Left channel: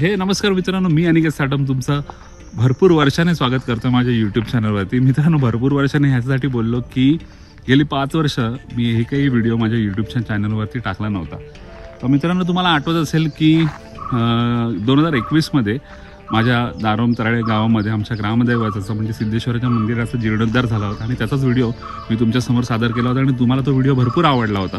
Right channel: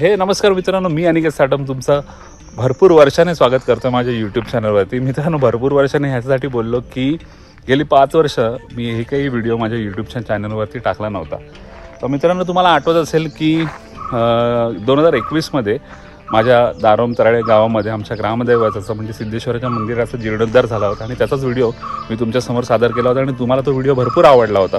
हे नमस्कार मित्रांनो, मी अनिकेत साटम तुमचं भरपूर वर्षाने स्वागत करतो माझ्या यूट्यूब चॅनलवरती। मित्रांनो, भरपूर वर्षाने ह्याच्यासाठी बोललो की गेली 5 वर्ष मी एकही व्हिडिओ माझ्या यूट्यूबच्या चॅनलवरती टाकला नव्हता। तर मित्रांनो, तुम्हाला आठवत असेल की 2021 मध्ये माझ्या दारोम तराळे गावामध्ये आमच्या ग्रामदैवताचं म्हणजे सिद्धेश्वराच्या मंदिराचा जीर्णोद्धार झाला होता आणि त्याचाच व्हिडिओ मी तुमच्यासमोर सादर केला होता आणि तुम्हाला तो व्हिडिओ भरपूर आवडला होता।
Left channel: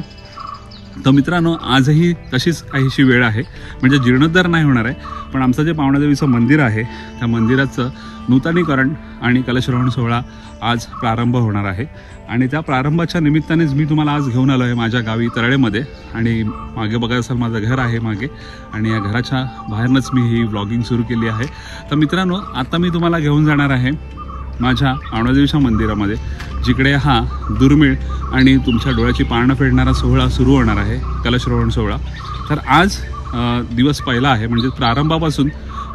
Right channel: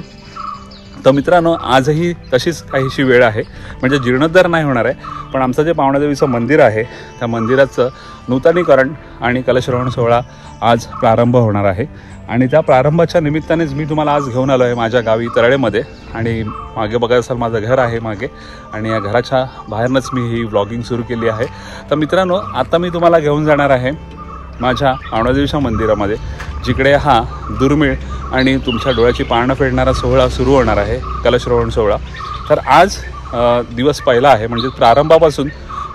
तर मित्रांनो, आजही तशीच काहीशी वेळ आहे, म्हणजे जीर्णोद्धार नाही होणार आहे, पण आमचं जे पावणादेवीचं मंदिर आहे त्या मंदिराचं नूतनीकरण आणि कलशरोहण सोहळा आज प्रारंभ होणार आहे। आणि त्या प्रारंभाच्या निमित्तानेच मी तुम्हाला आज घेऊन आलो आहे माझ्या गावी तराळेमध्ये। आणि मागे बघा असाल माझं घर आहे मागे, आणि या घराच्या बाहेरनंच मी ही व्लॉगिंग सुरू केली आहे। तर मित्रांनो, आता मी तुम्हाला घेऊन जाणार आहे माझ्या पावणादेवीच्या मंदिरामध्ये, जिकडे हा दुर्मिळ आणि तुमच्या डोळ्याची पारणं फेडणारा सोहळा सुरू होणार आहे, कलशरोहण सोहळा। तर आज दिवस पहिला आहे, म्हणजे प्रारंभापासून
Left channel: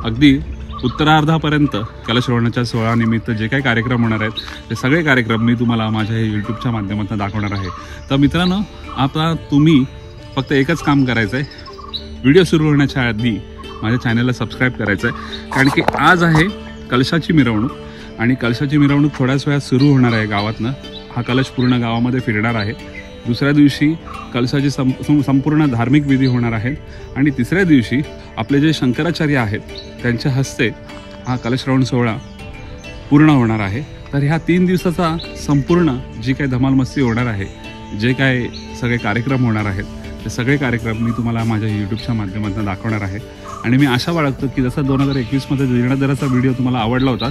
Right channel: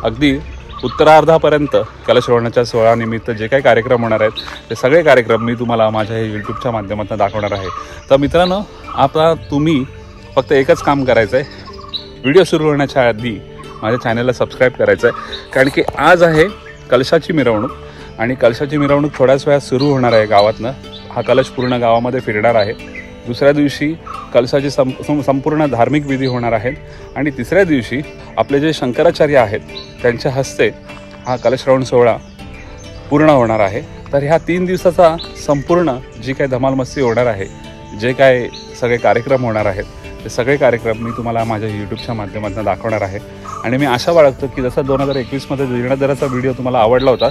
अगदी उत्तरार्धापर्यंत कलशरोहणाच्या सोहळ्यानिमित्त जे काही कार्यक्रम होणार आहेत ते सगळे कार्यक्रम मी तुम्हाला माझ्या यूट्यूबच्या माध्यमातून दाखवणार आहे। तर मित्रांनो, आता तुम्ही फक्त एकच काम करायचं आहे, व्हिडिओ सुरू होण्याच्या आधी माझ्या चॅनलला सबस्क्राईब करायचं आहे, कारण की आज आहे कलशाची मिरवणूक आणि कलशाची मिरवणूक थोड्याच वेळात सुरू होणार आहे गावातनं। हा कलश पूर्ण गावामध्ये फिरणार आहे। दुसऱ्या दिवशी कलशाची संपूर्ण धार्मिक विधी होणार आहेत आणि तिसऱ्या दिवशी आपले जे शंकराचार्य आहेत त्यांच्या हस्ते हा कलशरोहण सोहळा पूर्ण होणार आहे। तर ह्या 3 दिवसाचा संपूर्ण जी काही धमालमस्ती होणार आहे, जे काय सगळे कार्यक्रम होणार आहेत ते सगळे कार्यक्रम मी तुम्हाला माझ्या यूट्यूबच्या माध्यमातून दाखवणार आहे। आणि मी आशा बाळगतो की जसा 2021 मध्ये जीर्णोद्धाराचा व्हिडिओ तुम्हाला आवडला होता,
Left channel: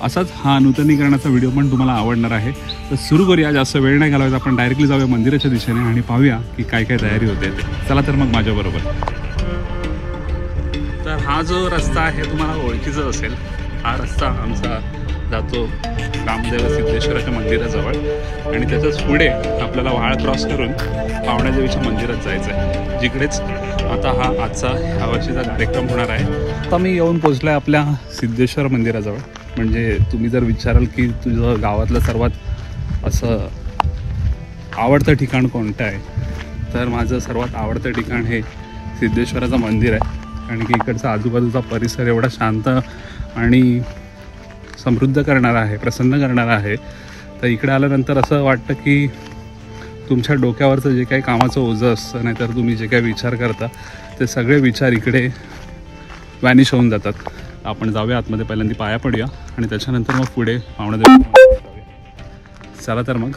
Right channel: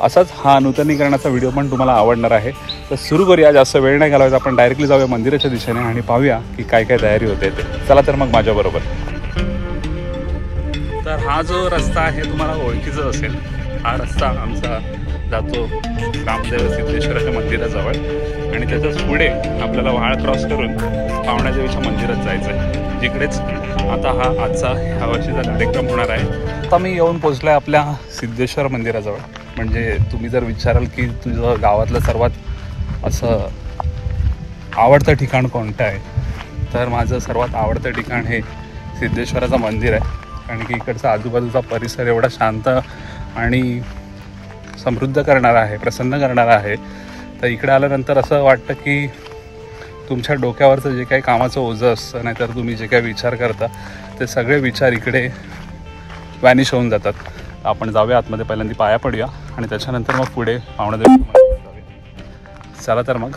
असाच हा नूतनीकरणाचा व्हिडिओ पण तुम्हाला आवडणार आहे। तर सुरू करूया, जास्त वेळ नाही घालवायचा, आपण डायरेक्टली जाऊया मंदिराच्या दिशेने आणि पाहूया की काय काय तयारी होते ते। चला तर मग माझ्याबरोबर। तर हा जो रस्ता आहे तुम्हाला ओळखीचा असेल, हा रस्ता आमचा जातो रामदेव सिद्धेश्वराच्या मंदिराजवळ आणि त्याच्याच पुढे आपल्याला वाळ क्रॉस करून पावणादेवीच्या मंदिरात जायचं आहे, जिकडेच आता हा आजचा ह्या वर्षीचा कार्यक्रम होणार आहे। आता मी येऊन पोचलो आहे आपल्या सिद्धेश्वर मंदिराजवळ। म्हणजे तुम्ही जर विचाराल की तुझं गावातलं सर्वात असं आवडतं ठिकाण कोणतं आहे, तर माझं सर्वात आवडतं ठिकाण हे सिद्धेश्वराचं मंदिर आहे, कारण की इकडचा आजूबाजूचा परिसर एवढा शांत आणि समृद्ध करणारा आहे, प्रसन्न करणारा आहे। तर इकडे आल्यानंतर असं वाटतं की तुमच्या डोक्यावरचं जे काही कामाचं ओझं असतं, नाहीतर तुम्ही जे काही विचार करता ते सगळे विचार इकडे वॅनिश होऊन जातात। आपण जाऊया आतमध्ये, पहिल्यांदा पाया पडूया आणि त्याच्यानंतर मग पुढे पावणादेवी जाऊया। चला तर मग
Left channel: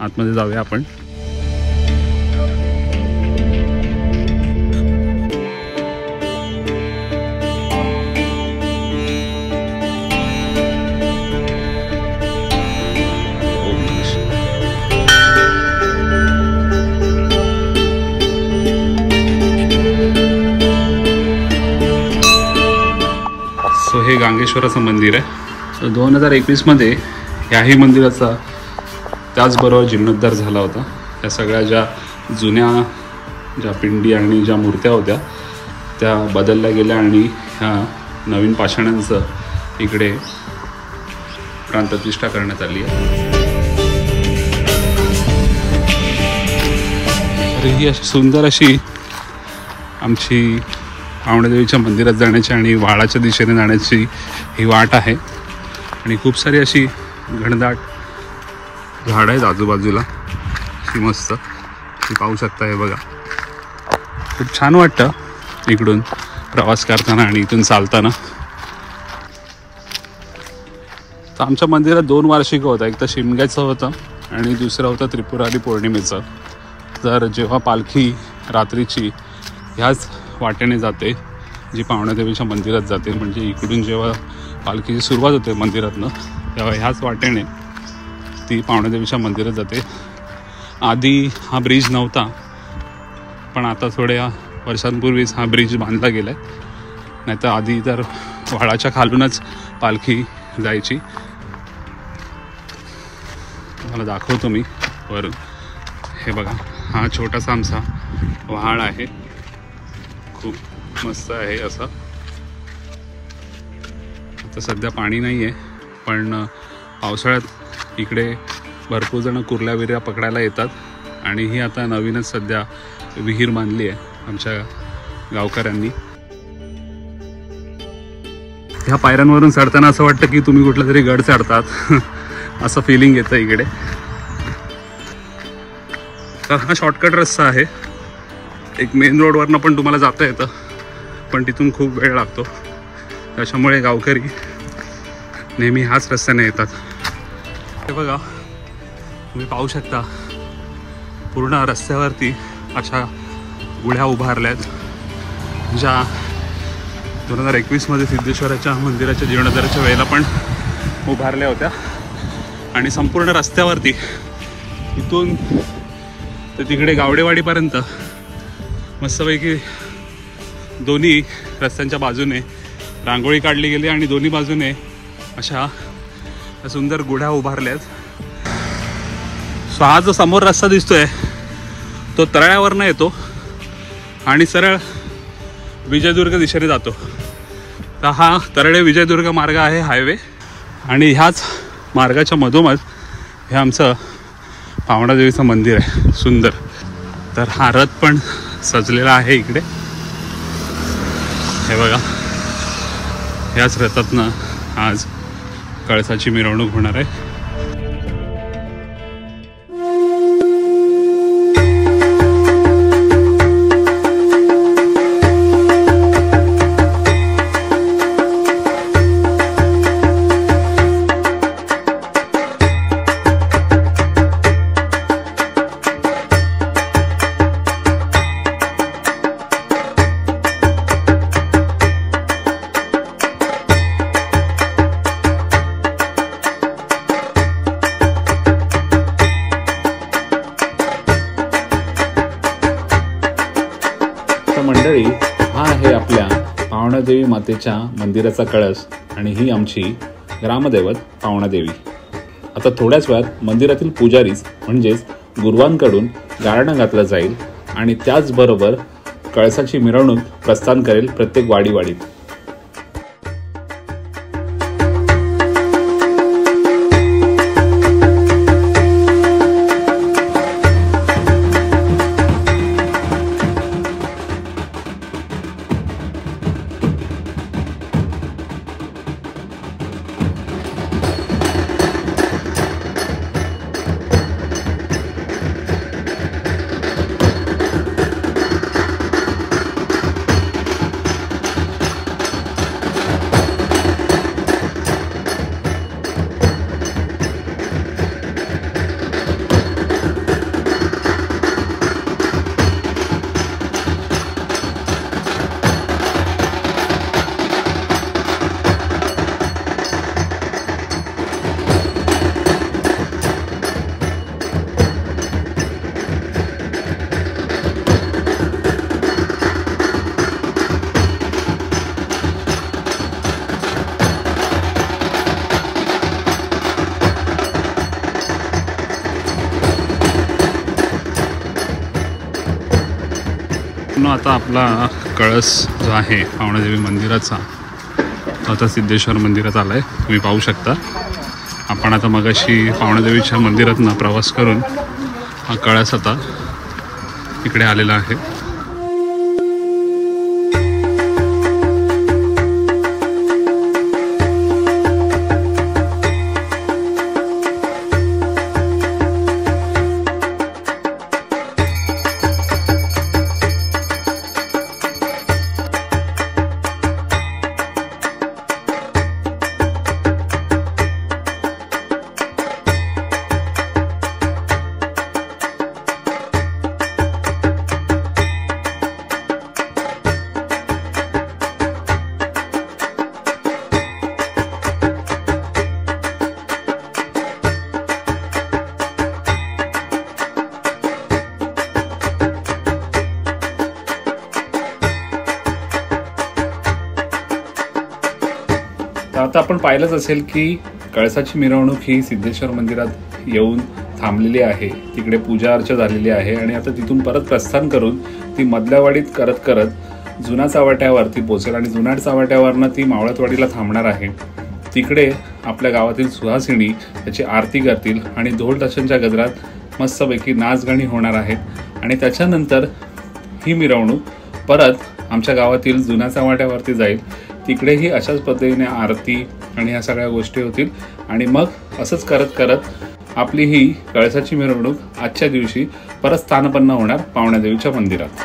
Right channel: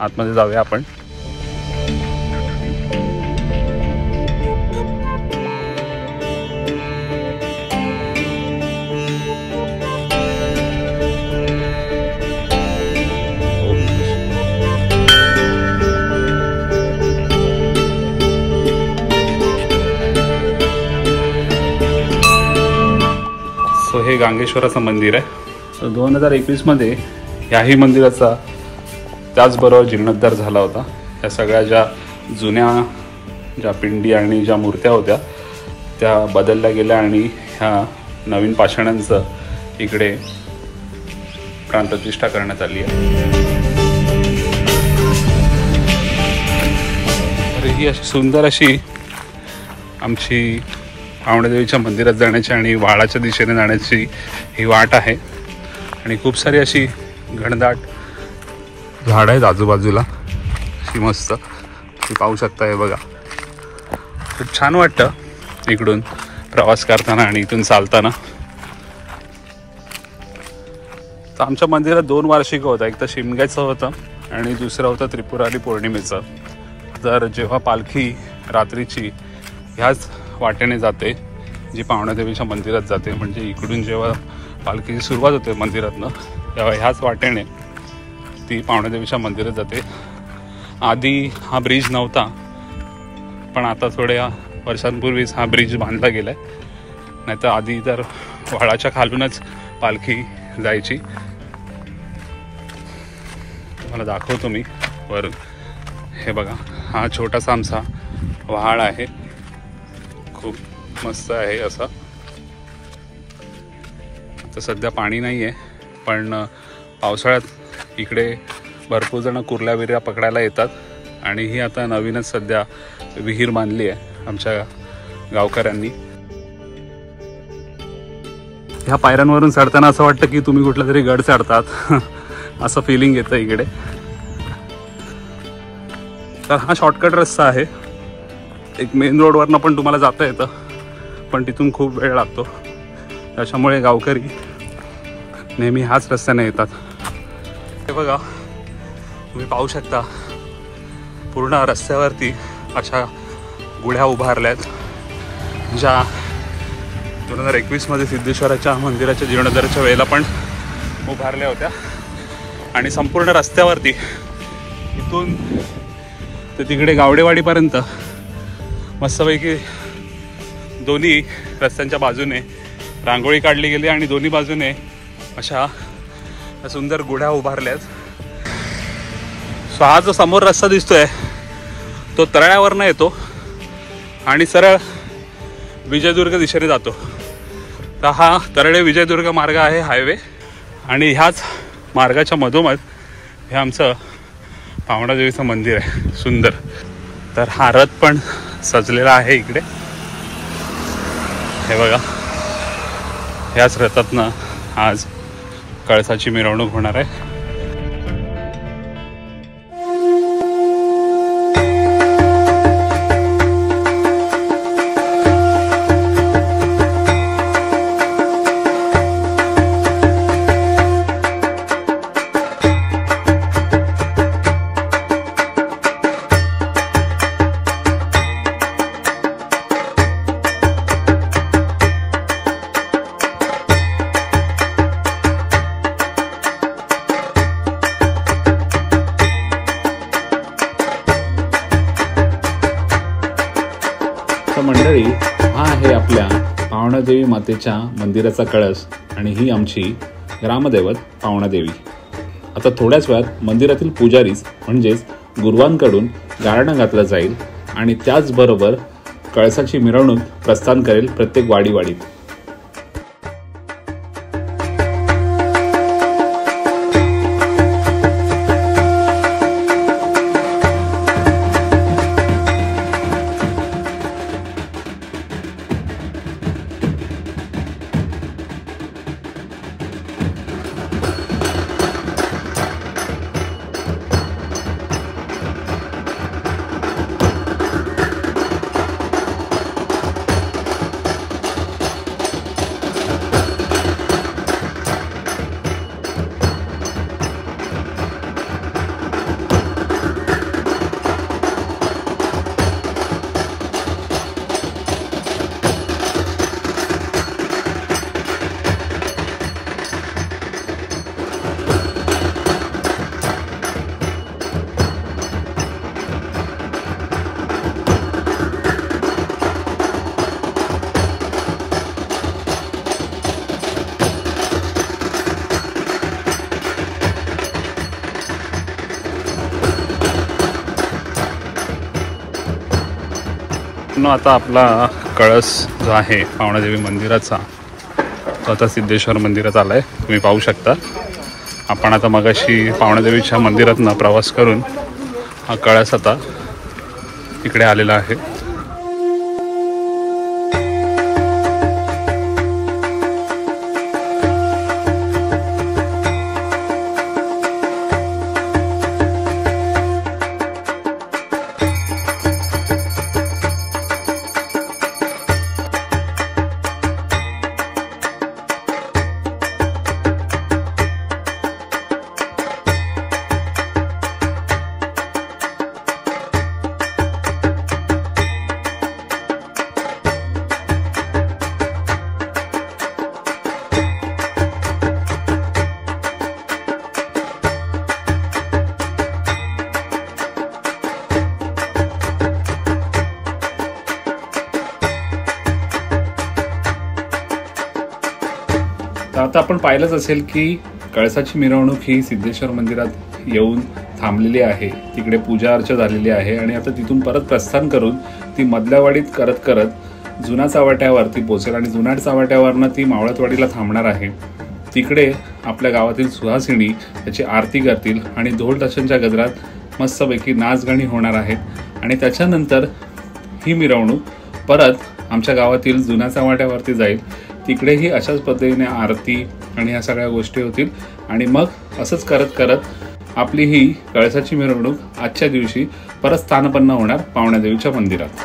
आतमध्ये जाऊया आपण। हे गांगेश्वराचं मंदिर आहे। 2021 मध्ये याही मंदिराचा त्याचबरोबर जीर्णोद्धार झाला होता। त्या सगळ्या ज्या जुन्या ज्या पिंडी आणि ज्या मूर्त्या होत्या त्या बदलल्या गेल्या आणि ह्या नवीन पाषाणांचं इकडे प्राणप्रतिष्ठा करण्यात आली आहे। तर ही अशी सुंदर अशी आमची पावणादेवीच्या मंदिरात जाण्याची आणि वाळाच्या दिशेने जाण्याची ही वाट आहे आणि खूप सारी अशी घनदाट झाडं आहेत आजूबाजूला, ही मस्त ती पाहू शकता। हे बघा, खूप छान वाटतं इकडून प्रवास करताना आणि इथून चालताना। तर आमच्या मंदिरात 2 वार्षिक होतं, एक तर शिमग्याचं होतं आणि दुसरं होतं त्रिपुरारी पौर्णिमेचं। तर जेव्हा पालखी रात्रीची ह्याच वाटेने जाते जी पावणादेवीच्या मंदिरात जाते, म्हणजे इकडून जेव्हा पालखीची सुरुवात होते मंदिरातनं, तेव्हा ह्याच वाटेने ती पावणादेवीच्या मंदिरात जाते। आधी हा ब्रिज नव्हता, पण आता थोड्या वर्षांपूर्वीच हा ब्रिज बांधला गेला आहे, नाहीतर आधी तर वाळाच्या खालूनच पालखी जायची। तुम्हाला दाखवतो मी वरून। हे बघा, हा छोटासा आमचा व्हाळ आहे, खूप मस्त आहे असा। आता सध्या पाणी नाही आहे, पण पावसाळ्यात इकडे भरपूर जण कुर्ल्या विर्या पकडायला येतात आणि ही आता नवीनच सध्या विहीर बांधली आहे आमच्या गावकऱ्यांनी। ह्या पायऱ्यांवरून चढताना असं वाटतं की तुम्ही कुठला तरी गड चढतात असं फिलिंग येतं इकडे. तर हा शॉर्टकट रस्ता आहे. एक मेन रोडवरनं पण तुम्हाला जाता येतं, पण तिथून खूप वेळ लागतो. त्याच्यामुळे गावकरी नेहमी ह्याच रस्त्याने येतात. हे बघा, तुम्ही पाहू शकता पूर्ण रस्त्यावरती अशा गुढ्या उभारल्यात, ज्या 2021 मध्ये सिद्धेश्वराच्या मंदिराच्या जीर्णोद्धाराच्या वेळेला पण उभारल्या होत्या. आणि संपूर्ण रस्त्यावरती इथून ते तिकडे गावडेवाडीपर्यंत मस्तपैकी दोन्ही रस्त्यांच्या बाजूने रांगोळी काढली गेली आणि दोन्ही बाजूने अशा सुंदर गुढ्या उभारल्यात. हा जो समोर रस्ता दिसतोय तो तळ्यावरनं येतो आणि सरळ विजयदुर्ग दिशेने जातो. तर हा तरळे विजयदुर्ग मार्ग आहे, हायवे. आणि ह्याच मार्गाच्या मधोमध हे आमचं पावणादेवीचं मंदिर आहे सुंदर. तर हा रथ पण सजलेला आहे इकडे. हे बघा, ह्याच रथातनं आज कळसाची मिरवणूक होणार आहे. मंडळी, हा आहे आपल्या पावणादेवी मातेच्या मंदिराचा कळस आणि ही आमची ग्रामदैवत पावणादेवी. आता थोड्याच वेळात मंदिरातील पुजारीच म्हणजेच गुरुवांकडून गारणं घातलं जाईल आणि त्याचबरोबर कळसाची मिरवणूक प्रस्थान करेल प्रत्येक वाडीवाडीत. आता आपला कळस जो आहे पावणादेवी मंदिराचा तो आता सिद्धेश्वर मंदिरात आलाय. तुम्ही पाहू शकता. आपण आता मगाशी पावणादेवीच्या मंदिरातनं प्रवास करून हा कळस आता इकडे आलेला आहे. तर आता आपण पाहिलंच असेल की कळसाची मिरवणूक ही सिद्धेश्वर मंदिरात येऊन थांबलेली आहे. तिकडे पूजा अर्चा झालेली आहे आणि आता तिथून परत प्रस्थान करून ती मधल्यावाडीत करत करत जुना चावट्यावरती पोहोचेल आणि जुना चावट्यावरनं ती मावळतवाडीला थांबणार आहे. तिकडे आपल्या गावातील सुहासिनी त्याची आरती करतील आणि ढोल ताशांच्या गजरात मस्तपैकी नाचगाणी होणार आहेत आणि त्याच्यानंतर ही मिरवणूक परत आमच्या गावातील जुन्या चव्हाट्यावरती जाईल. तिकडेही अशाच पद्धतीने आरती आणि ह्या सगळ्या गोष्टी होतील. आणि मग असंच करत करत आपली ही कळसाची मिरवणूक आजच्या दिवशी परत स्थानपन्न होणार पावण्यादेवीच्या मंदिरात.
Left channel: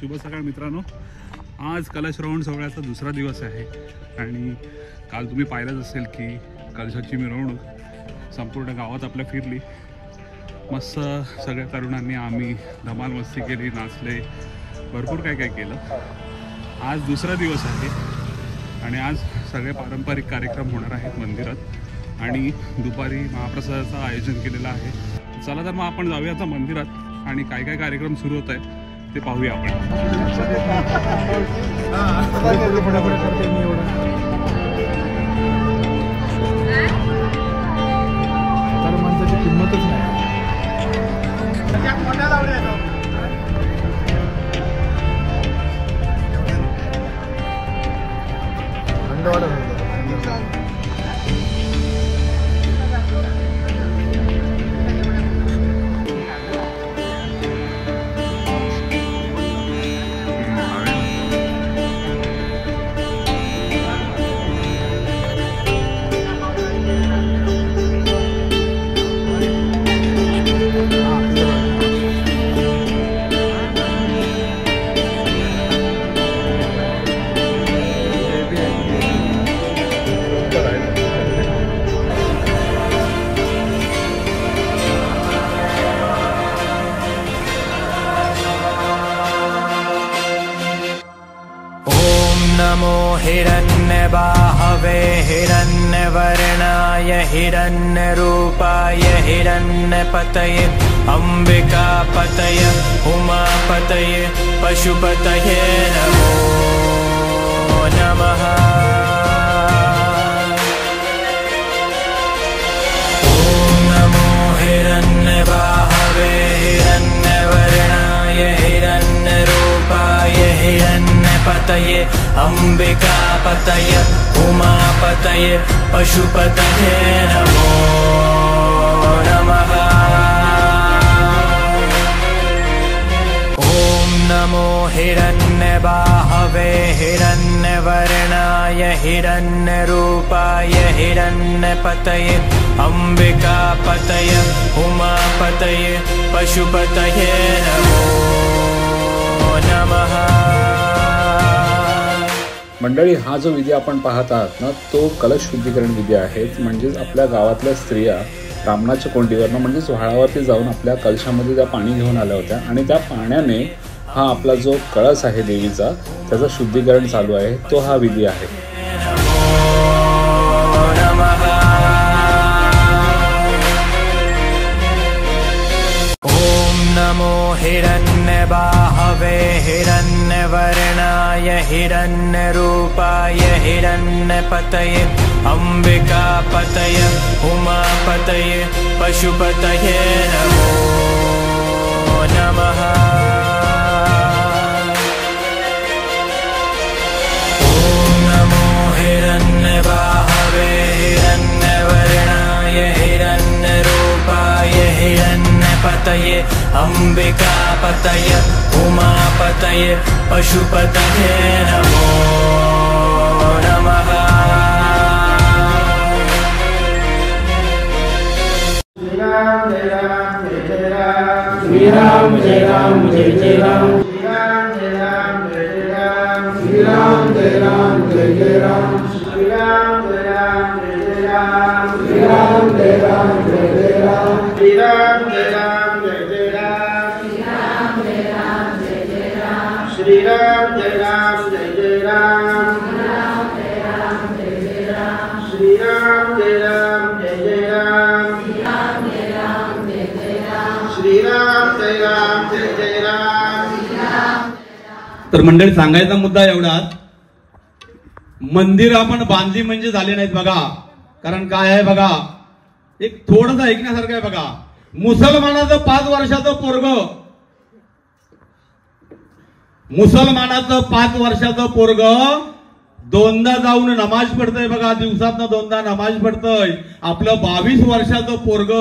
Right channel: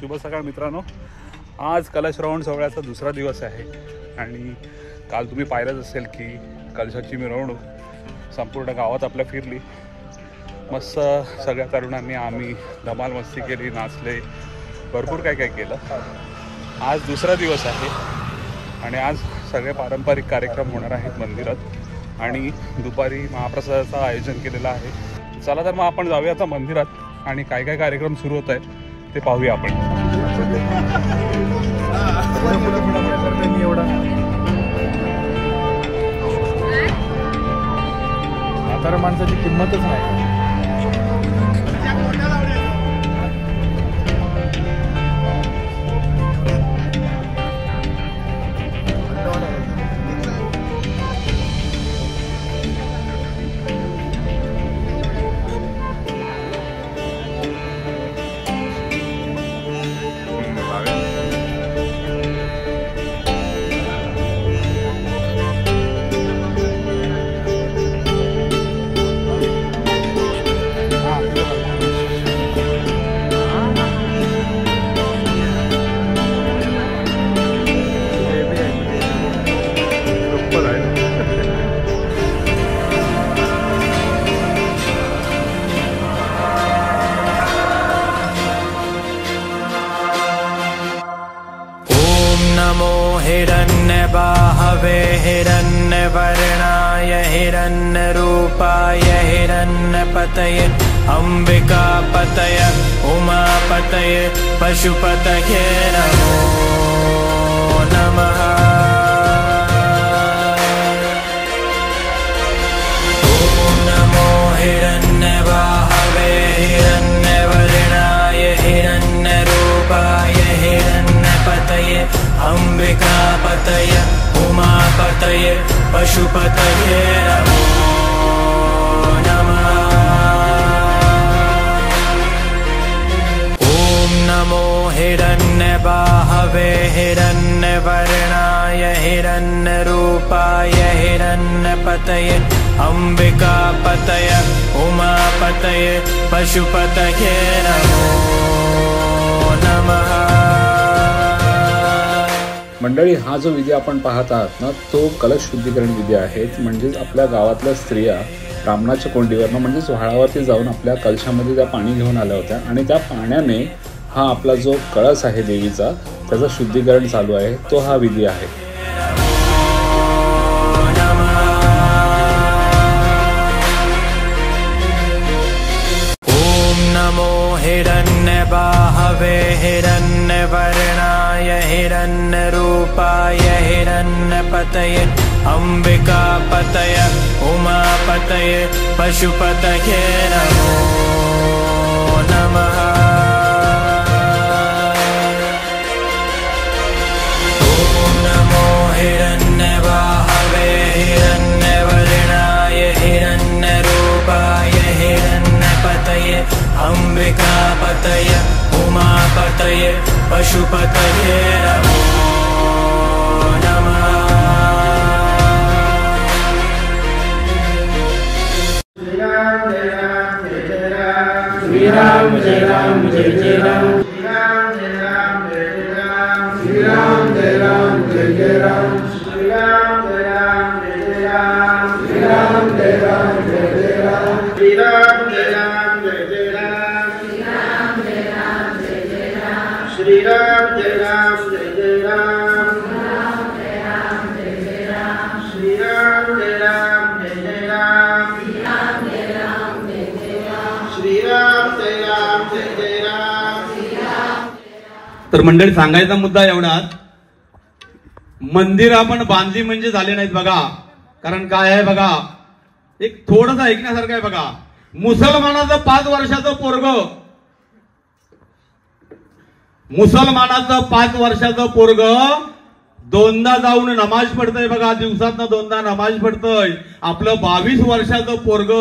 शुभ सकाळ मित्रांनो. आज कलशश्रवण सोहळ्याचा दुसरा दिवस आहे आणि काल तुम्ही पाहिलंच असेल की कलशाची मिरवणूक संपूर्ण गावात आपल्या फिरली. मस्त सगळ्या तरुणांनी आम्ही धमाल मस्ती केली, नाचले, भरपूर काय काय केलं. आज दुसरा दिवस आहे आणि आज सगळे पारंपरिक कार्यक्रम होणार आहेत मंदिरात आणि दुपारी महाप्रसादाचं आयोजन केलेलं आहे. चला तर मग आपण जाऊया आता मंदिरात आणि काय काय कार्यक्रम सुरू होत आहेत ते पाहूया आपण. माणसाची किंमतच नाही. वर्णाय हिरण्यरूपाय हिरण्यपतये अम्बिकापतये उमापतये पशुपतये नमो नमः। अम्बिकापतये उमापतये पशुपतये नमो नमः। ॐ नमो हिरण्यबाहवे हिरण्यवर्णाय हिरण्यरूपाय हिरण्यपतये अम्बिकापतये उमापतये पशुपतये नमो नमः। मंडळी, हा जो विधी आपण पाहत आहात ना, तो कलश शुद्धीकरण विधी आहे. म्हणजेच आपल्या गावातल्या स्त्रिया ब्राह्मणाच्या कोंडीवरनं म्हणजेच व्हाळावरती जाऊन आपल्या कलशामध्ये त्या पाणी घेऊन आल्या होत्या आणि त्या पाण्याने हा आपला जो कळस आहे देवीचा त्याचं शुद्धीकरण चालू आहे. तो हा विधी आहे. हिरण्यवर्णाय हिरण्यरूपाय हिरण्यपतये अम्बिकापतये उमापतये पशुपतये नमो नमः। ॐ नमो हिरण्यबाहवे हिरण्यवर्णाय हिरण्यरूपाय हिरण्यपतये अम्बिकापतये उमापतये पशुपतये नमो नमः। श्री राम जय राम जय जय राम, श्री राम जय राम जय जय राम, श्री राम जय राम जय जय राम, श्री राम जय राम जय जय राम, श्री राम जय राम जय जय राम, श्री राम जय राम जय जय राम, श्री राम जय राम जय जय राम, श्री राम जय राम जय जय राम, श्री राम जय राम जय जय राम, श्री राम जय राम जय जय राम। तर मंडळी, सांगायचा मुद्दा एवढाच, मंदिर आपण बांधली म्हणजे झाले नाहीत बघा. कारण काय आहे बघा, एक थोडंसं ऐकण्यासारखं आहे बघा. मुसलमानाचं 5 वर्षाचं पोरग दोनदा जाऊन नमाज पडतय बघा. दिवसातनं 2दा नमाज पडतय. आपलं 22 वर्षाचं पोरग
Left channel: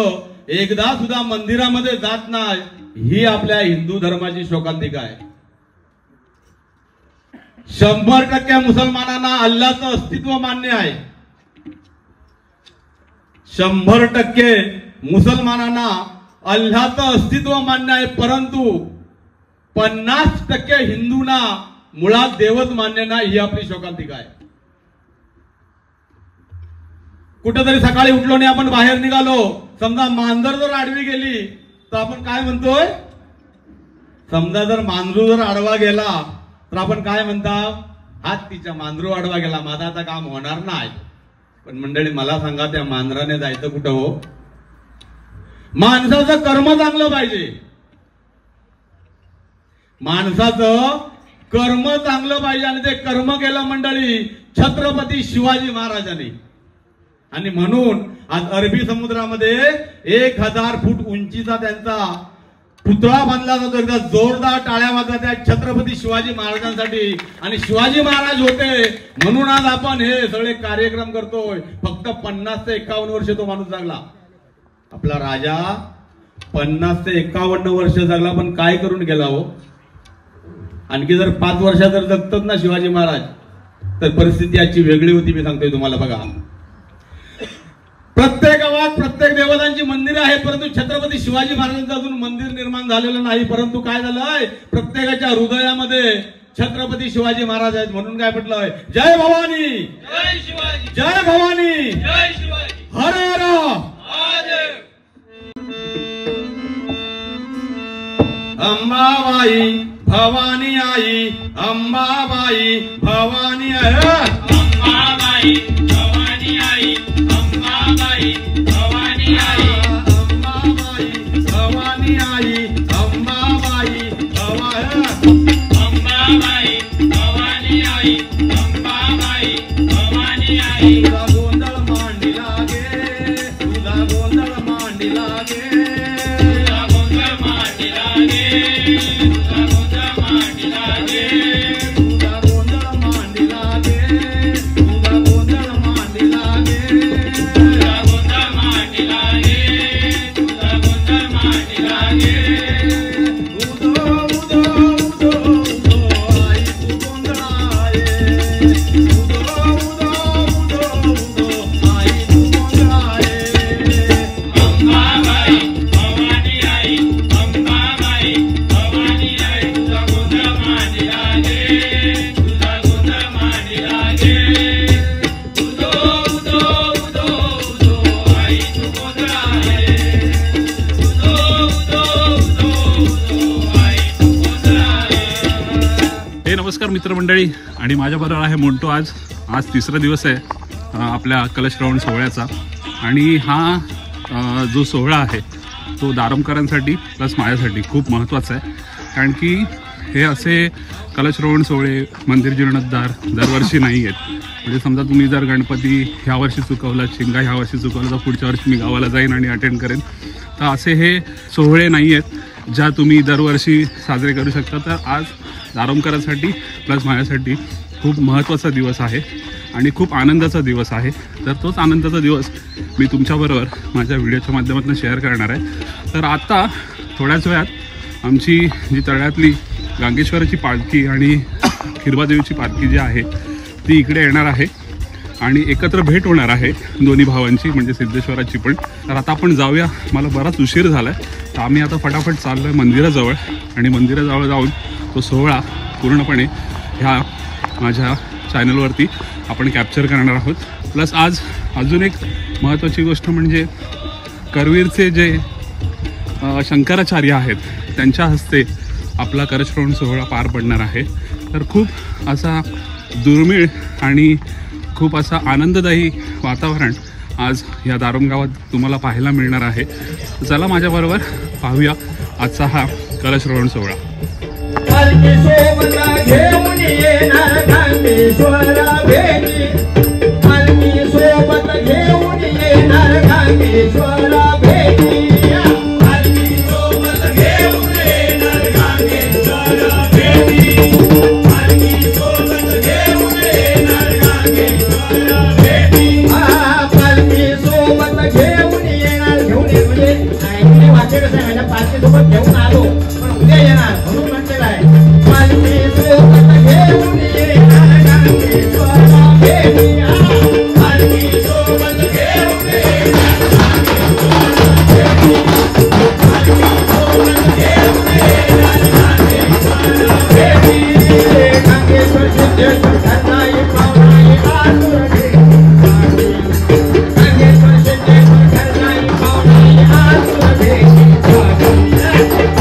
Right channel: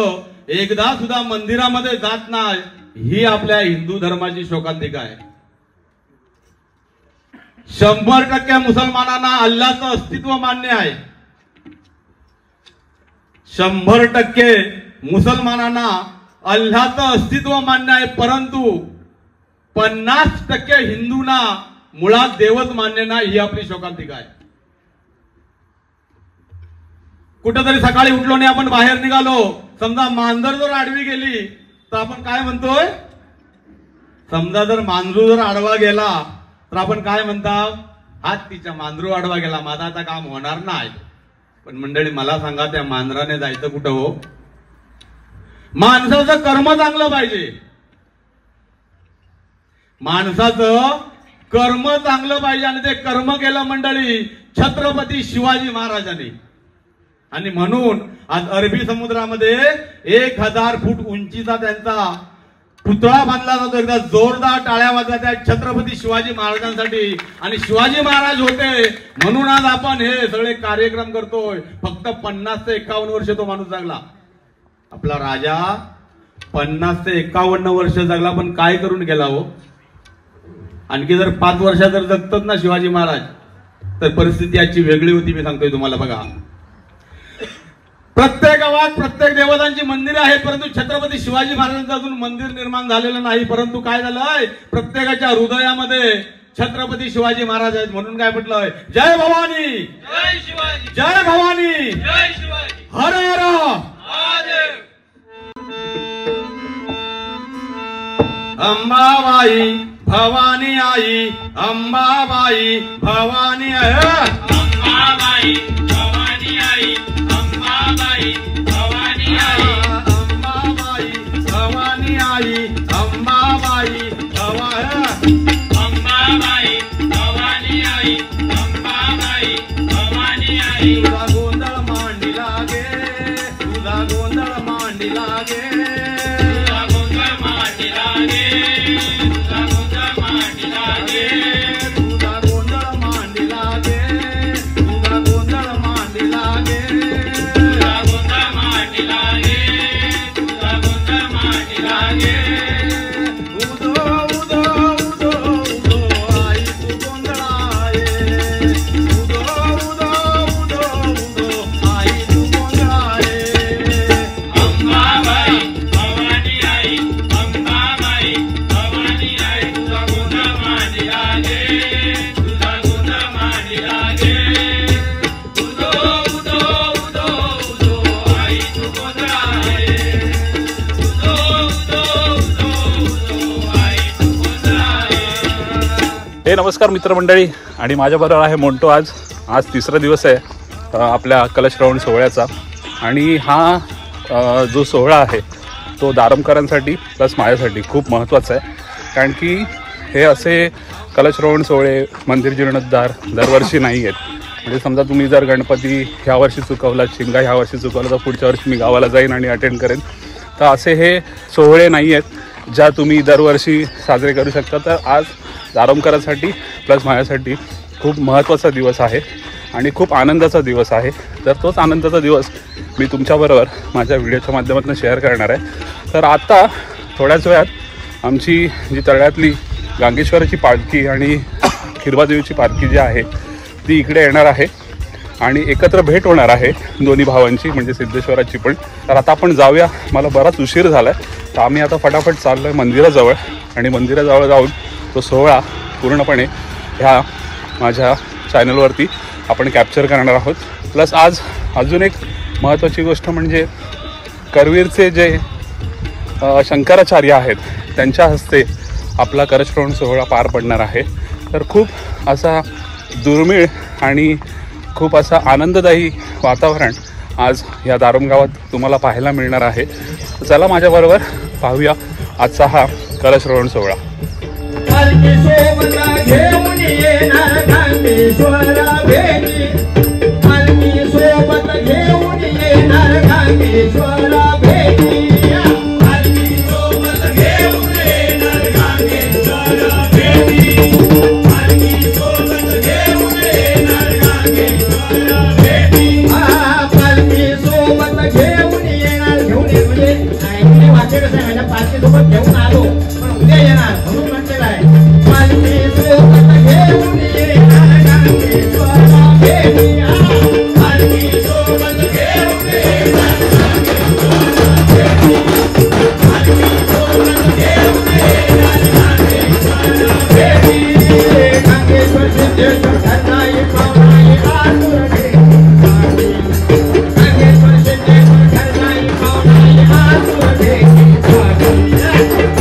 एकदा सुद्धा मंदिरामध्ये जात नाही. ही आपल्या हिंदू धर्माची शोकांतिका आहे. 100% मुसलमानांना अल्लाचं अस्तित्व मान्य आहे. 100% मुसलमानांना अल्लाचं अस्तित्व मान्य आहे. परंतु 50% हिंदूंना मुळात देवच मान्य नाही. ही आपली शोकांतिका आहे. कुठेतरी सकाळी उठलो आणि आपण बाहेर निघालो, समजा मांजर जर आडवी गेली तर आपण काय म्हणतोय? समजा जर मांजरू जर आडवा गेला तर आपण काय म्हणतात? हात तिच्या मांजरू आडवा गेला, माझा आता काम होणार नाही. पण मंडळी, मला सांगा, त्या मांजराने जायचं कुठं हो? माणसाचं कर्म चांगलं पाहिजे. माणसाचं कर्म चांगलं पाहिजे आणि ते कर्म केलं मंडळी छत्रपती शिवाजी महाराजांनी. आणि म्हणून आज अरबी समुद्रामध्ये 1000 फूट उंचीचा त्यांचा पुतळा बांधला जातो. एकदा जोरदार टाळ्या वाजवा त्या छत्रपती शिवाजी महाराजांसाठी. आणि शिवाजी महाराज होते म्हणून आज आपण हे सगळे कार्यक्रम करतोय. फक्त 50 ते 51 वर्ष तो माणूस जगला. आपला राजा 50 ते 51 वर्ष जगला, पण काय करून गेला हो? आणखी जर 5 वर्षात जर जगतात ना शिवाजी महाराज, तर परिस्थिती याची वेगळी होती. मी सांगतोय तुम्हाला बघा. प्रत्येक गावात प्रत्येक देवतांची मंदिरे आहेत, परंतु छत्रपती शिवाजी महाराजांचं अजून मंदिर निर्माण झालेलं नाही. परंतु काय झालंय? प्रत्येकाच्या हृदयामध्ये छत्रपती शिवाजी महाराज आहेत. म्हणून काय म्हटलंय? जय भवानी, जय शिवाजी, जय भवानी, जय शिवाजी, हर हर महादेव. अंबाबाई भवानी आई, अंबाबाई भवानी आई, अंबाबाई भवानी आई, अंबाबाई हे नमस्कार मित्रमंडळी, आणि माझ्याबरोबर आहे मोंटो. आज तिसरा दिवस आहे आपल्या कलशश्रवण सोहळ्याचा. आणि हा जो सोहळा आहे तो दारमकरांसाठी प्लस माझ्यासाठी खूप महत्त्वाचा आहे. कारण की हे असे कलशश्रवण सोहळे मंदिर जीर्णोद्धार दरवर्षी नाही आहेत. म्हणजे समजा तुम्ही जर गणपती ह्या वर्षी चुकवला, शिमगा ह्या वर्षी चुकवला, तर पुढच्या वर्षी मी गावाला जाईन आणि अटेंड करेन. तर असे हे सोहळे नाही आहेत ज्या तुम्ही दरवर्षी साजरे करू शकता. तर आज दारमकरांसाठी प्लस माझ्यासाठी खूप महत्त्वाचा दिवस आहे आणि खूप आनंदाचा दिवस आहे. तर तोच आनंदाचा दिवस मी तुमच्याबरोबर माझ्या व्हिडिओच्या माध्यमातून शेअर करणार आहे. तर आता थोड्याच वेळात आमची जी तळ्यातली गांगेश्वराची पालखी आणि खिरबादेवीची पालखी जी आहे ती इकडे येणार आहे आणि एकत्र भेट होणार आहे दोन्ही भावांची, म्हणजे सिद्धेश्वराची पण. तर आता आपण जाऊया, मला बराच उशीर झाला आहे. तर आम्ही आता फटाफट चाललो आहे मंदिराजवळ आणि मंदिराजवळ जाऊन तो सोहळा पूर्णपणे ह्या माझ्या चॅनलवरती आपण कॅप्चर करणार आहोत. प्लस आज अजून एक महत्त्वाची गोष्ट म्हणजे करवीरचे जे शंकराचार्य आहेत त्यांच्या हस्ते आपला कलशश्रवण सोहळा पार पडणार आहे. तर खूप असा दुर्मिळ आणि खूप असा आनंददायी वातावरण आज या दारम गावात तुम्हाला पाहायला मिळणार आहे. चला माझ्याबरोबर पाहूया आजचा हा कलशश्रवण सोहळा. पालखी सोबत घेऊन येणार गांगेश्वरा भेटी, पालखी सोबत घेऊन येणार गांगेश्वरा भेटी, पालखी सोबत घेऊन येणार गांगेश्वरा भेटी, पालखी सोबत घेऊन येणार गांगेश्वरा भेटी. पालखी सोबत घेऊन येणार, घेऊन ये म्हणजे नाही वाक्य कसं आहे, माझ्या पालखी सोबत घेऊन आलो पण उद्या येणार म्हणून म्हटलेलं आहे. पालखी सोबत घेऊन येणार गांगेश्वरा भेटी, पालखी सोबत घेऊन येणार गांगेश्वरा भेटी, पालखी सोबत घेऊन येणार गांगेश्वरा भेटी. गांगेश्वर सिद्धेश्वर ठरणाई पावनाई आतुर भेटी, गांगेश्वर सिद्धेश्वर ठरणाई पावनाई आतुर भेटी,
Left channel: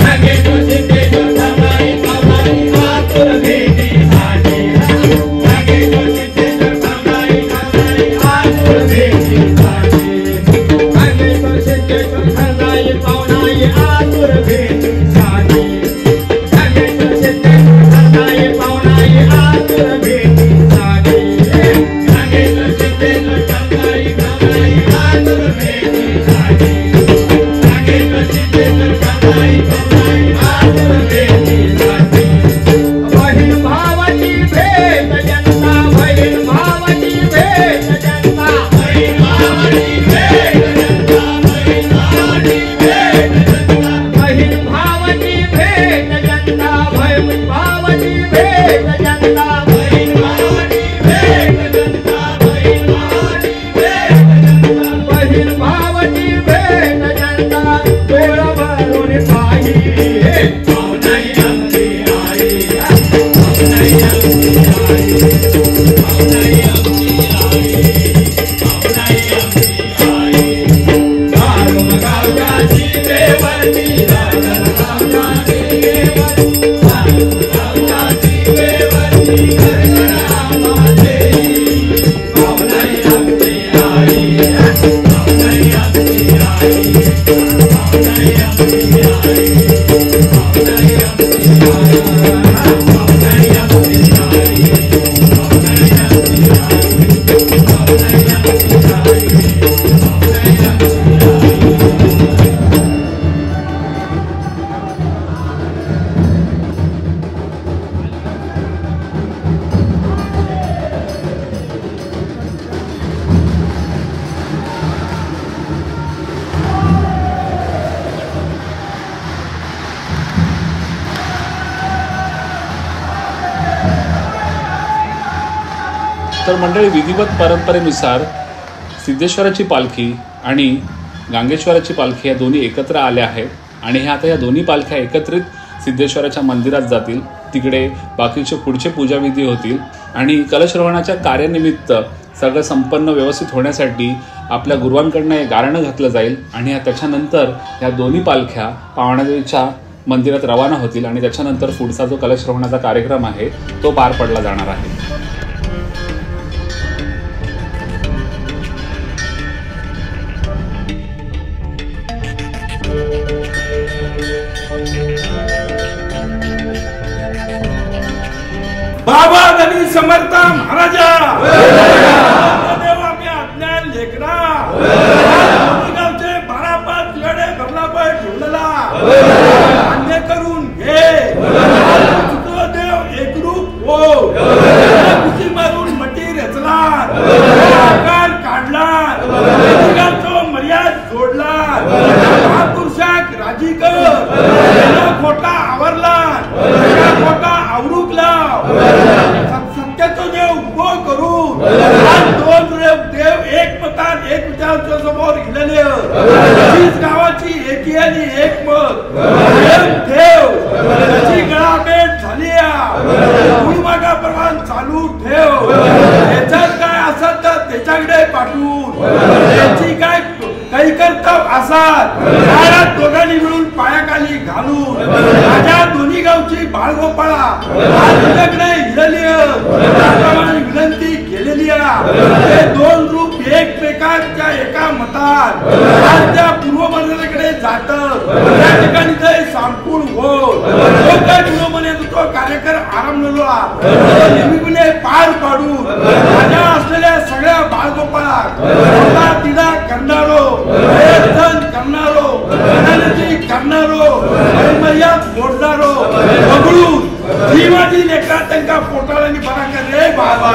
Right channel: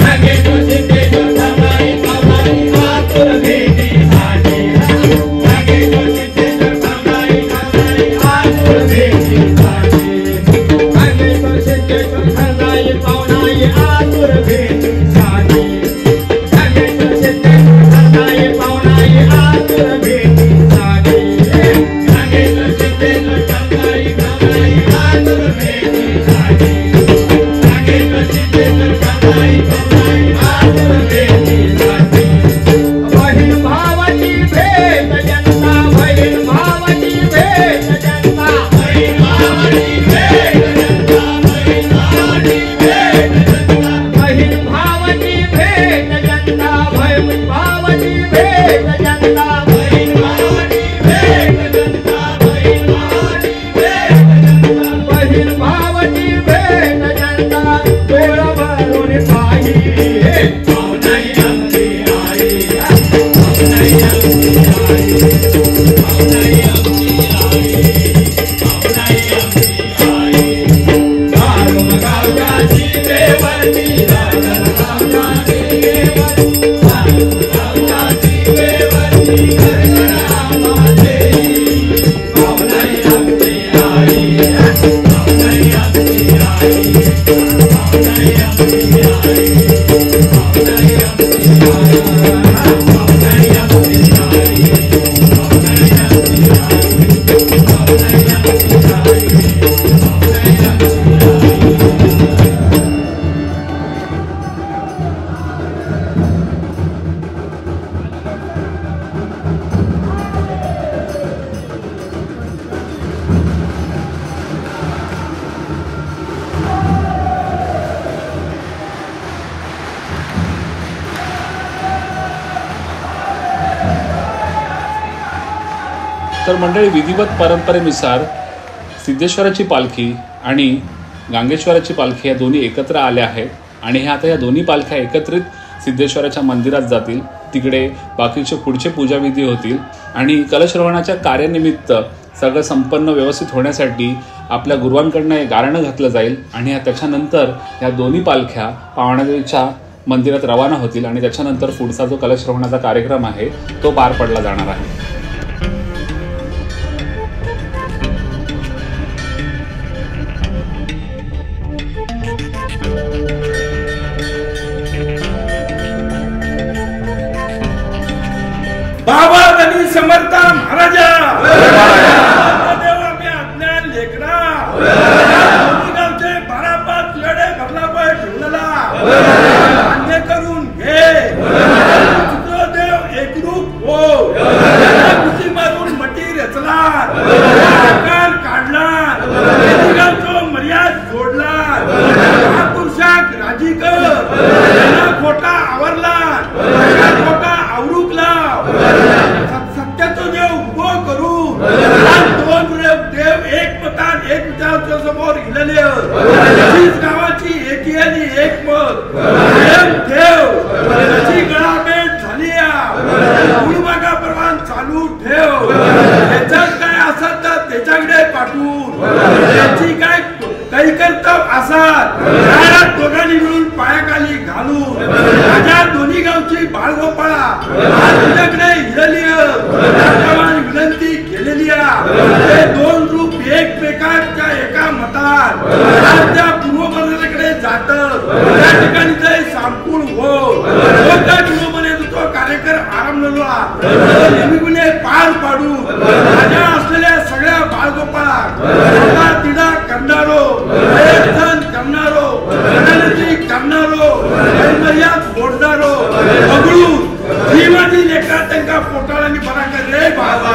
गांगेश्वर सिद्धेश्वर ठरणाई पावनाई आतुर भेटी, गांगेश्वर सिद्धेश्वर ठरणाई पावनाई आतुर भेटी, गांगेश्वर सिद्धेश्वर ठरणाई पावनाई आतुर भेटी, गांगेश्वर सिद्धेश्वर ठरणाई पावनाई आतुर भेटी, गांगेश्वर सिद्धेश्वर ठरणाई पावनाई आतुर भेटी, गांगेश्वर सिद्धेश्वर ठरणाई पावनाई आतुर भेटी. बहीण भावाची भेट जनता, बहीण भावाची भेट जनता, बहीण भावाची भेट जनता, बहीण भावाची भेट जनता, बहीण भावाची भेट जनता, बहीण भावाची भेट जनता, बहीण भावाची भेट जनता, बहीण भावाची भेट जनता, बहीण भावाची भेट जनता. डोळ भरून पाही पावनाई आमची आई, पावनाई आमची आई, पावनाई आमची आई, पावनाई आमची आई. दारुण गावच्या शिवेवरती, दारुण गावच्या शिवेवरती, दारुण गावच्या शिवेवरती घरघरा देई, पावनाई आमची आई, पावनाई आमची आई, पावनाई आमची आई, पावनाई आमची आई, पावनाई आमची आई, पावनाई आमची आई, पावनाई आमची आई, पावनाई आमची आई. तर मंडळी, विधिवत परंपरेनुसार सिद्धेश्वराची पालखी आणि गांगेश्वराची पालखी या दोन्ही एकत्र आल्या आहेत आणि ह्या आता या दोन्ही पालख्या एकत्रित सिद्धेश्वराच्या मंदिरात जातील. तिकडे बाकीचे पुढचे पूजाविधी होतील आणि कलशश्रवणाच्या कार्यानिमित्त सगळं संपन्न व्यवस्थित होण्यासाठी आपल्या गुरुवांकडनं एक गारणं घातलं जाईल आणि त्याच्यानंतर ह्या दोन्ही पालख्या पावणादेवीच्या मंदिरात रवाना होतील आणि त्याच्यानंतर पुढचा जो कलशरोहणाचा कार्यक्रम आहे तो पार पडला जाणार आहे. बाबा गणेश समर्थ महाराजा देव आम्ही अज्ञान लेकरा गावचे 12-5 लढे घरला पाय ठेवलेला मान्य करून घे. देव एकरूप हो. कुशी मारून मटी रचला आकार काढला गावचो मर्याद जोडला महापुरुषाक राजी कर खोटा आवरला खोटा आवरूकला सत्याचो देव उभो करून दोन देव एक मतान एक विचारांच्या समोर गेलेले तीच गावाची एकी आणि एक मत देव त्याची गळाभेट झाली मागा प्रमाण चालू ठेव. त्याच्यात काय असत तर त्याच्याकडे पाठवून त्याची काय काही कर्तव्य असतात त्या दोघांनी मिळून पायाखाली घालून माझ्या दोन्ही गावची बाळगोपाळा तुझ्याकडे विनंती केलेली आहे. 2 रूप एकमेकांच्या एका मतात त्या पूर्वमंडळाकडे जात त्या ठिकाणी जय सांपून हो त्या पूर्वमने तो कार्यक्रम आरंभला नेहमीपणे पार पाडून माझ्या असलेल्या सगळ्या बाळगोपाळा तिडा करणारो धन करणारो करणारो मर्याद बोलणारो बघून जीवाची लेखा त्यांना पोटाळांनी बरा कर रे बाबा.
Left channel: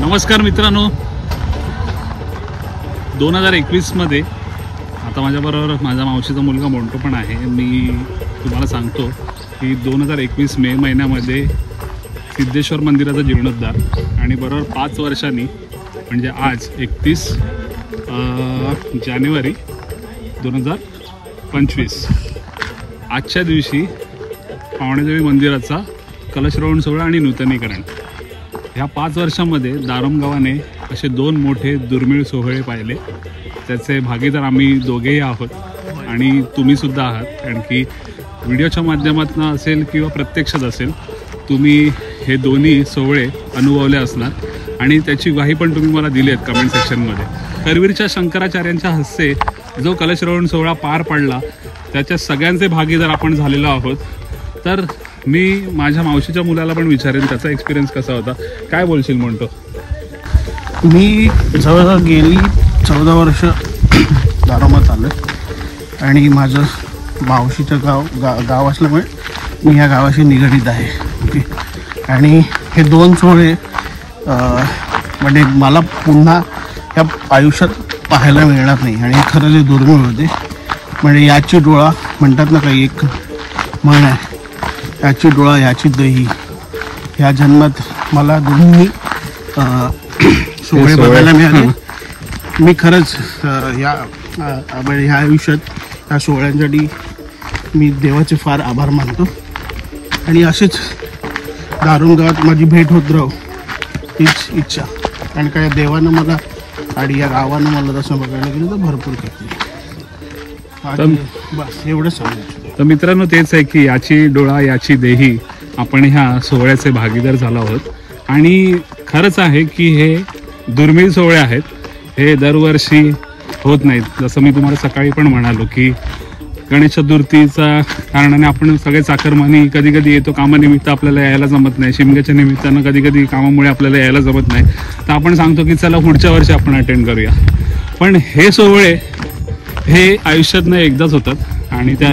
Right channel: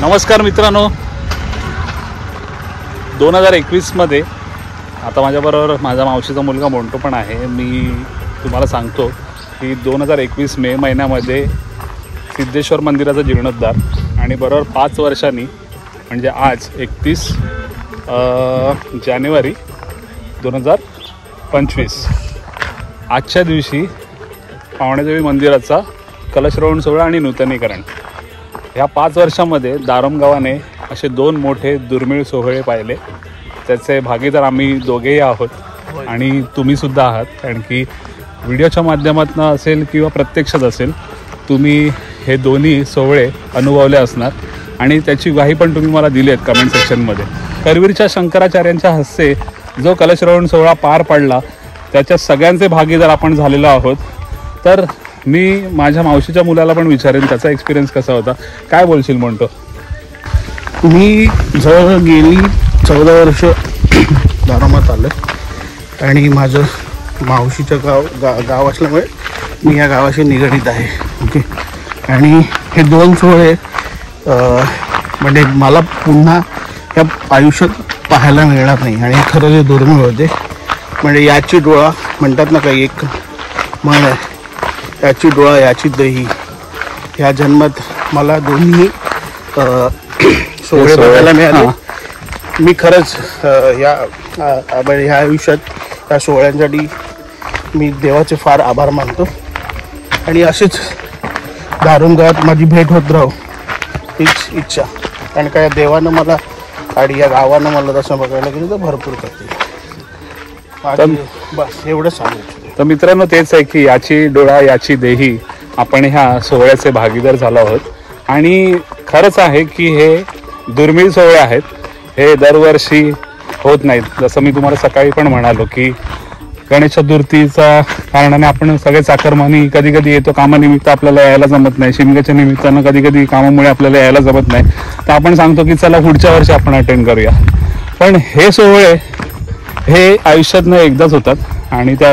नमस्कार मित्रांनो, 2021 मध्ये आता माझ्याबरोबर माझा मावशीचा मुलगा मोंटू पण आहे. मी तुम्हाला सांगतो की 2021 मे महिन्यामध्ये सिद्धेश्वर मंदिराचा जीर्णोद्धार आणि बरोबर 5 वर्षांनी म्हणजे आज 31 जानेवारी 2025 आजच्या दिवशी पावणेदेवी मंदिराचा कलशरोहण सोहळा आणि नूतनीकरण. ह्या 5 वर्षामध्ये दारम गावाने असे 2 मोठे दुर्मिळ सोहळे पाहिले. त्याचे भागीदार आम्ही दोघेही आहोत आणि तुम्हीसुद्धा आहात, कारण की व्हिडिओच्या माध्यमातून असेल किंवा प्रत्यक्षात असेल तुम्ही हे दोन्ही सोहळे अनुभवले असणार आणि त्याची ग्वाही पण तुम्ही मला दिली आहेत कमेंट सेक्शनमध्ये. करवीरच्या शंकराचार्यांच्या हस्ते जो कलशरोहण सोहळा पार पडला त्याच्या सगळ्यांचे भागीदार आपण झालेलो आहोत. तर मी माझ्या मावशीच्या मुलाला पण विचारेन त्याचा एक्सपिरियन्स कसा होता. काय बोलशील म्हणतो? मी जवळ गेली 14 वर्ष दारोमात आलं आणि माझं मावशीचं गाव असल्यामुळे मी या गावाशी निगडीत आहे. ओके, आणि हे 2 सोहळे म्हणजे मला पुन्हा या आयुष्यात पाहायला मिळणार नाही आणि खरं जे दुर्मिळ होते. म्हणजे याची डोळा म्हणतात ना, काही एक म्हण आहे, याची डोळा याची दही. ह्या जन्मात मला दोन्ही सोहळे बघायला मिळाले. मी खरंच ह्या आयुष्यात या सोहळ्यांसाठी मी देवाचे फार आभार मानतो आणि असेच दारुंगात माझी भेट होत राहो हीच इच्छा. कारण का या देवानं मला आणि या गावानं मला तसं बघायला गेलं तर भरपूर करते. बस एवढं सांगू. तर मित्रांनो, तेच आहे की याची डोळा याची देही. आपण ह्या सोहळ्याचे भागीदार झालो आहोत आणि खरंच आहे की हे दुर्मिळ सोहळे आहेत. हे दरवर्षी होत नाहीत. जसं मी तुम्हाला सकाळी पण म्हणालो की गणेश चतुर्थीचा कारणाने आपण सगळे चाकरमानी कधी कधी येतो कामानिमित्त, आपल्याला यायला जमत नाही. शिमग्याच्या निमित्तानं कधी कधी कामामुळे आपल्याला यायला जमत नाही, तर आपण सांगतो की चला पुढच्या वर्षी आपण अटेंड करूया. पण हे सोहळे हे आयुष्यातनं एकदाच होतात आणि त्या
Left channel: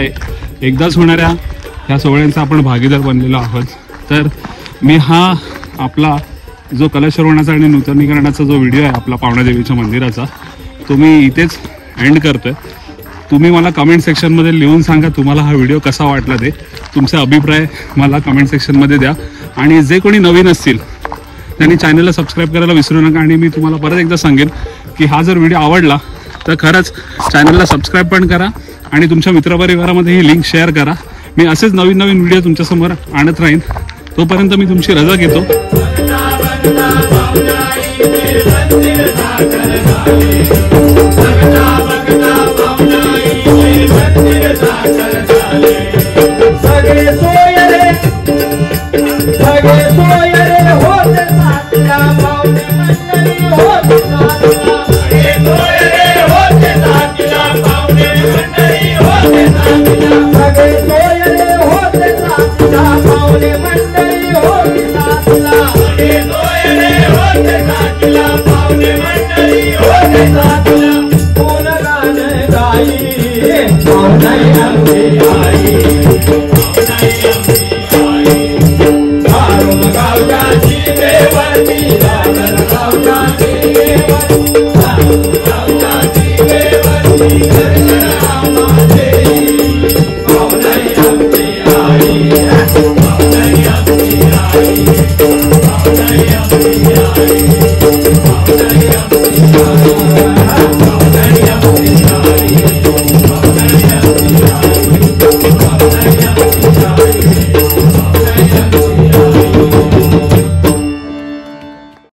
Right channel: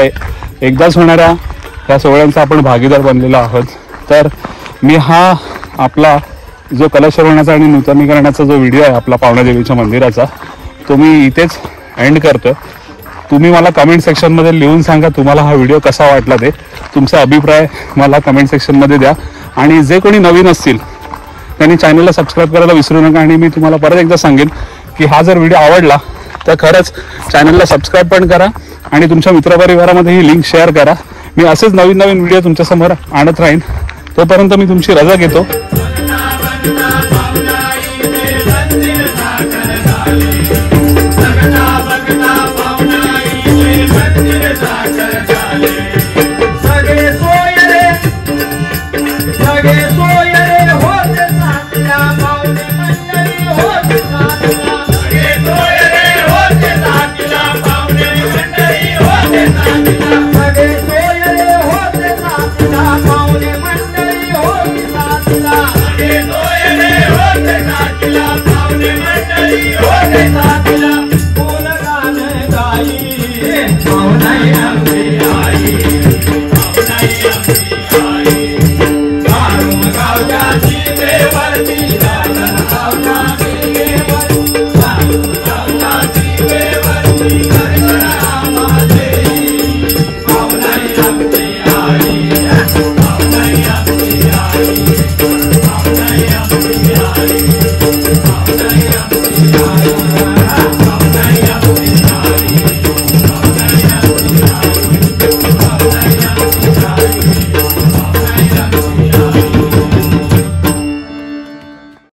एकदाच होणाऱ्या ह्या सोहळ्यांचा आपण भागीदार बनलेलो आहोत. तर मी हा आपला जो कलशरवणाचा आणि नूतनीकरणाचा जो व्हिडिओ आहे आपला पावणादेवीच्या मंदिराचा, तो मी इथेच एंड करतोय. तुम्ही मला कमेंट सेक्शनमध्ये लिहून सांगा तुम्हाला हा व्हिडिओ कसा वाटला ते. तुमचा अभिप्राय मला कमेंट सेक्शनमध्ये द्या. आणि जे कोणी नवीन असतील त्यांनी चॅनलला सबस्क्राईब करायला विसरू नका. आणि मी तुम्हाला परत एकदा सांगेन की हा जर व्हिडिओ आवडला तर खरंच चॅनलला सबस्क्राईब पण करा आणि तुमच्या मित्रपरिवारामध्ये ही लिंक शेअर करा. मी असेच नवीन नवीन व्हिडिओ तुमच्यासमोर आणत राहीन. तोपर्यंत मी तुमची रजा घेतो.